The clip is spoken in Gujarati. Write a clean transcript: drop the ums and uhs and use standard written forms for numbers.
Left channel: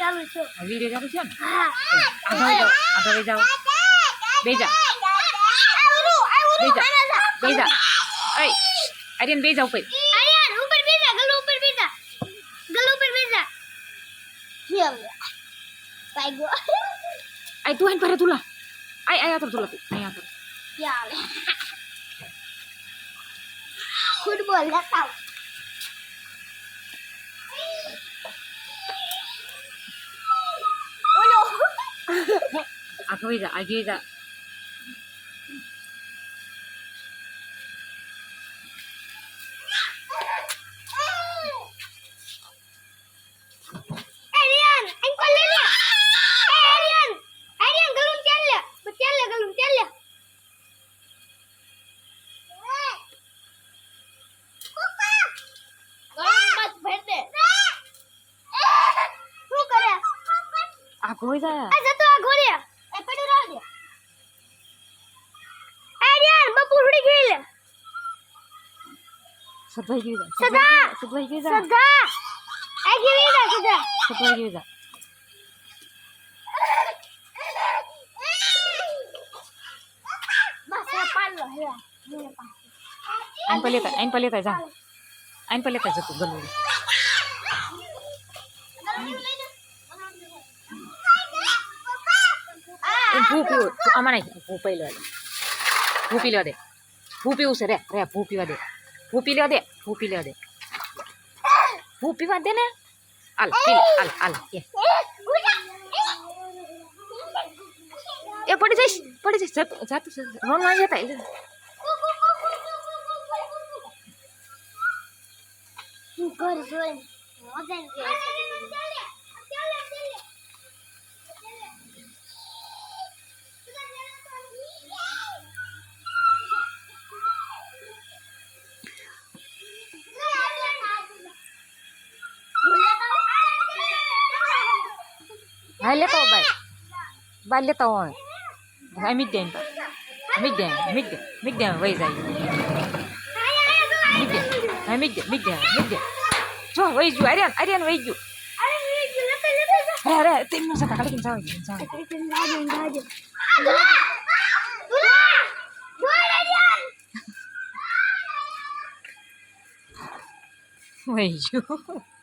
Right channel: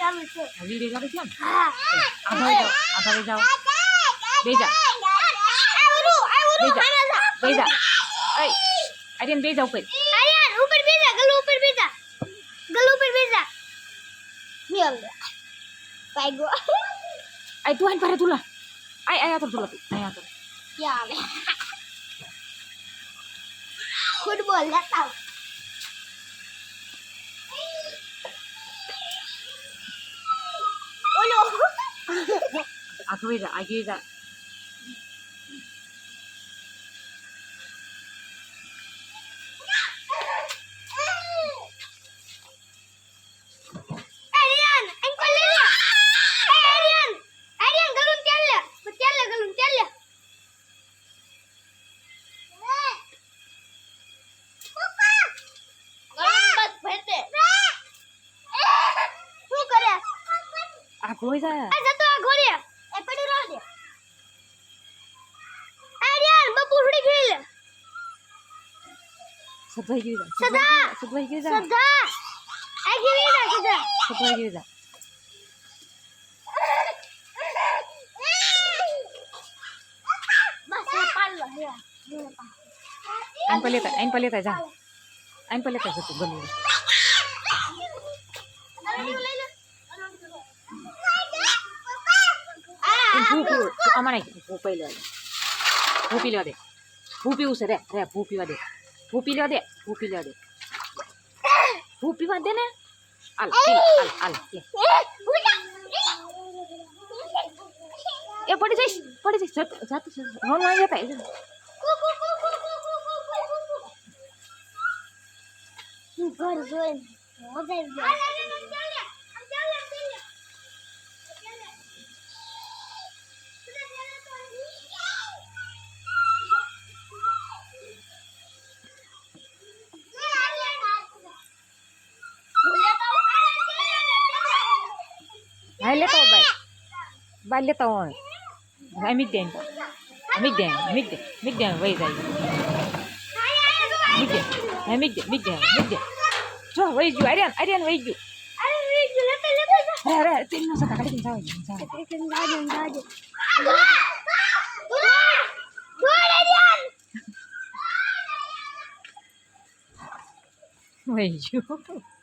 ચાલુ છે વિડિયો ચાલુ છે ને હા આગળ જાઓ બેજા બેજા એ આર્યન બેજા ઉપર આર્યન ઉપર બેજા ગલુ ઉપર બેજા ચલ પાઈગો ai તું આન પર તુલા ai ai આતર તુલા તું ai આતર યાર ફૂટબોલ લેતા ઓલો આગળ જા આર્યન એન્કલ લે લે આર્યન ગલુમ તેલ લે ગલુમ તેલ લે આગળ જા આ જતો આ ઘોડે એ પડ્યો રાવ દે આર્યન બપુ ઉડી ગઈ લે સદવાઈ ગયું જા સદા આ ગઈ જા સદા સદવાઈ ગયું જા બસ આ પાડલો હે આઈન પર લેતા જા આઈન પર લેતા જતું ગલું ભૂ આમાં નહીં ભૂ પી લેવા દે ભૂ પીવું છે રે ભૂ પીવા દે ભૂ પીવા દે ભૂ પીવા દે ને હાલ એ પડી જઈશ જાતું રોન માં જતા ઘર જોઈ મજા hai લેતા હો બાય લેતા હો hai મિક દે વઈ જાય મિક દે જો વઈ ગયું આર્યન વઈ ગયું અરે તેમ નો સકા કાઢી જાવ વઈ ગયું